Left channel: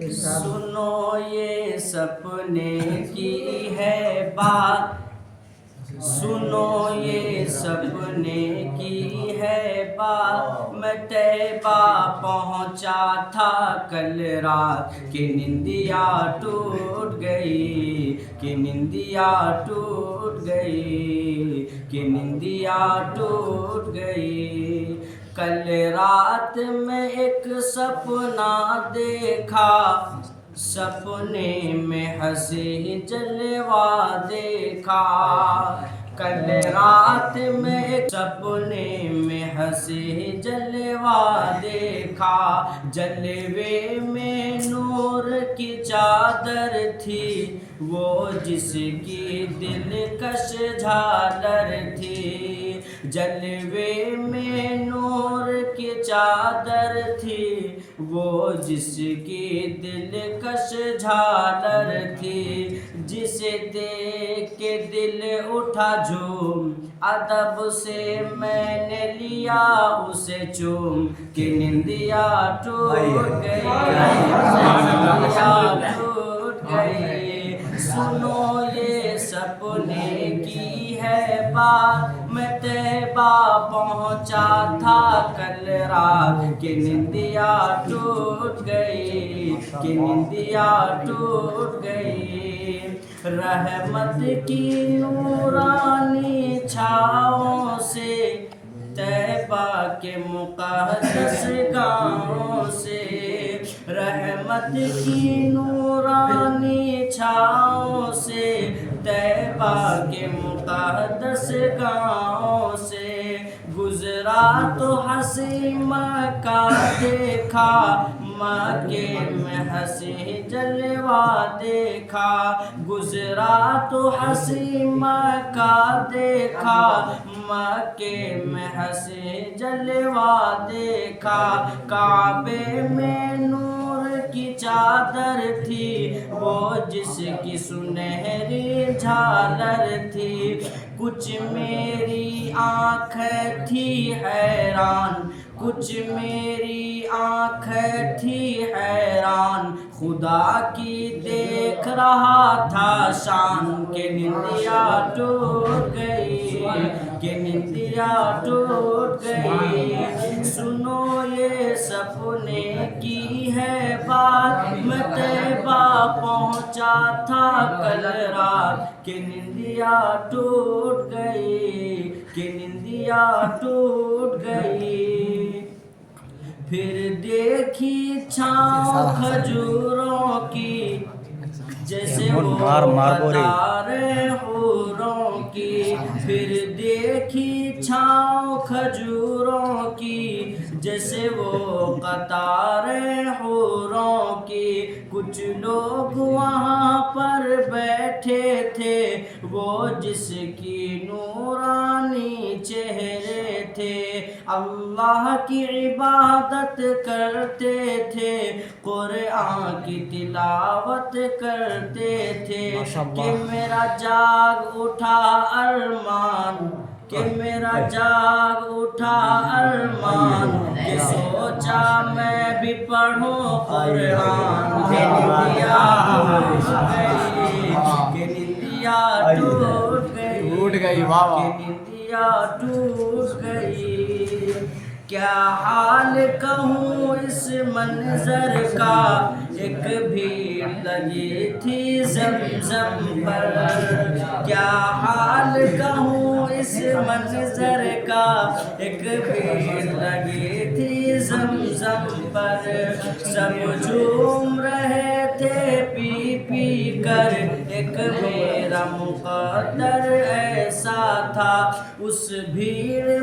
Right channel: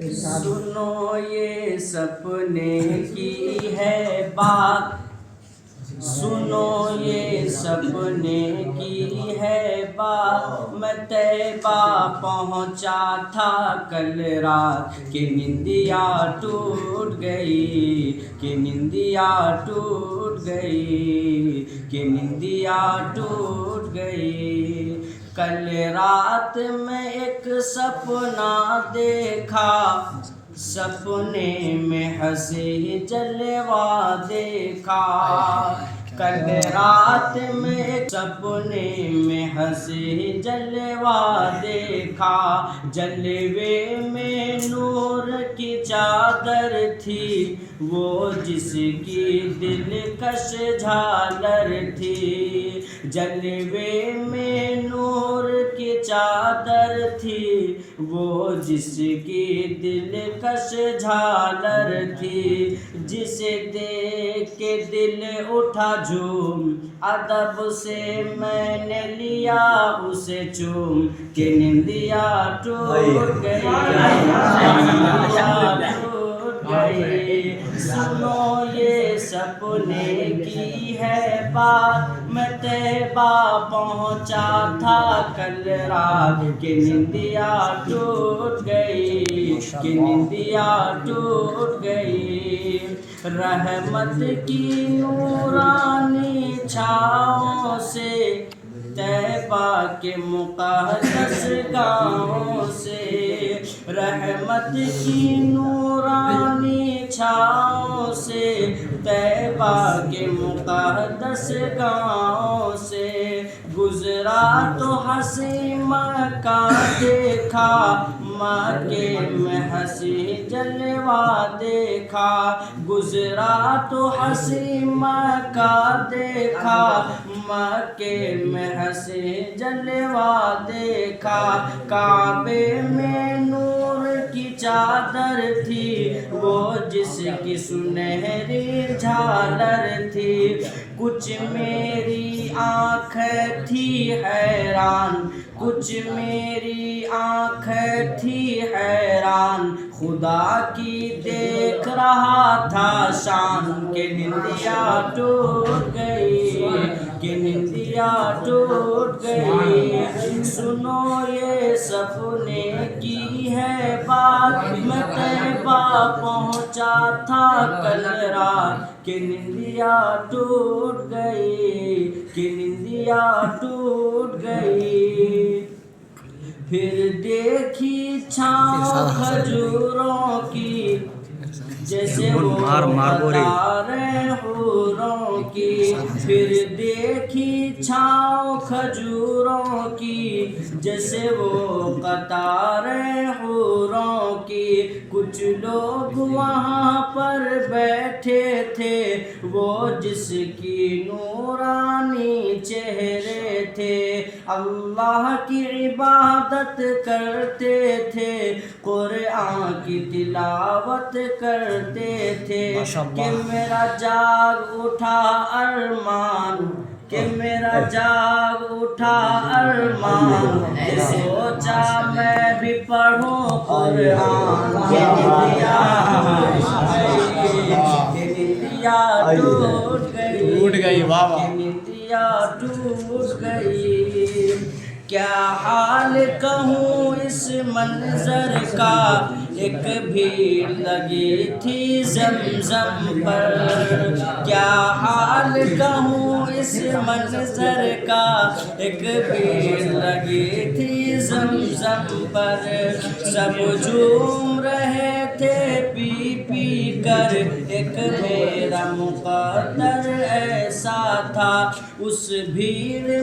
सुनो ये सपने की है बात, सुनो ये सपने की है बात। मैं तैबा पहुँचा था कल रात, कि निंदिया टूट गई, कि निंदिया टूट गई, कि निंदिया टूट गई। कल रात में एक सपना देखा, सपने में हंसी जलवा देखा। कल रात में एक सपने में हंसी जलवा देखा। जलवे में नूर की चादर थी, वो जिसकी दिलकश झालर थी। जलवे में नूर की चादर थी, वो जिसकी दिलकश झालर थी। जिसे देख के दिल उठा झूम, अदब से मैंने लिया उसे चूम, कि निंदिया टूट गई, निंदिया टूट गई। सुनो ये सपने की है बात, मैं तैबा पहुँचा था कल रात, कि निंदिया टूट गई, कि निंदिया टूट गई। रहमत की नूरानी छाँव से, तैबा के मुक़द्दस गाँव से, रहमत की नूरानी छाँव से, तैबा के मुक़द्दस गाँव से गुजरा तो हंसी मक्का देखा, मक्के में हंसी जलवा देखा। गुजरा तो हंसी मक्का देखा, मक्के में हंसी जलवा देखा। काबे में नूर की चादर थी, वो जिसकी सुनहरी झालर थी। कुछ मेरी आँखें थी हैरान, कुछ मेरी आँखें थी हैरान, खुदा की देख रहा था शान, के निंदिया टूट गई, के निंदिया टूट गई। सुनो ये सपने की है बात, मैं तैबा पहुँचा था कल रात, के निंदिया टूट गई, के निंदिया टूट गई। फिर देखी छाँव खजूरों की, जैसे वो कतारें हूरों की। फिर देखी छाँव खजूरों की, जैसे वो कतारें हूरों की। कुछ लोग वहाँ पर बैठे थे, वो जिसकी नूरानी चेहरे थे। अल्लाह की इबादत करते थे, कुरान की तिलावत करते थे। कि मेरा जाग उठा अरमान, कि मेरा जाग उठा अरमान, कि सोचा मैं भी पढ़ूं कुरान। कि निंदिया टूट गई, वाह वाह, कि निंदिया टूट गई। क्या हाल कहूँ इस मंजर का, एक भीड़ लगी थी ज़मज़म पर। क्या हाल कहूँ इस मंजर का, एक भीड़ लगी थी ज़मज़म पर। सब झूम रहे थे पी पी कर, एक मेरा मुक़द्दर ऐसा था। उस भीड़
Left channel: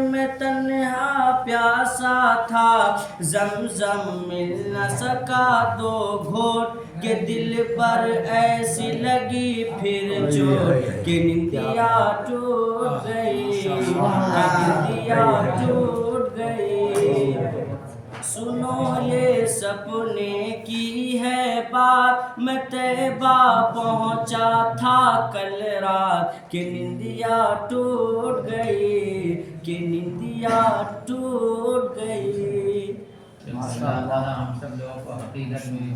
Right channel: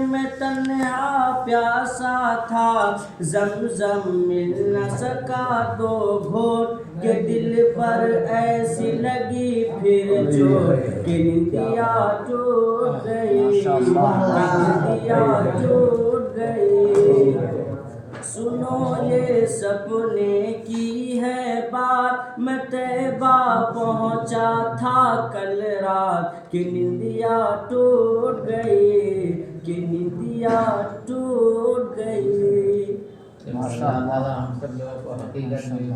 में तन्हा प्यासा था, ज़मज़म मिल न सका दो घोट, के दिल पर ऐसी लगी फिर चोट, कि निंदिया टूट गई, निंदिया टूट गई। सुनो ये सपने की है बात, मैं तैबा पहुँचा था कल रात, कि निंदिया टूट गई, कि निंदिया टूट गई। माशाअल्लाह। हम सब लोगों को हकीकत में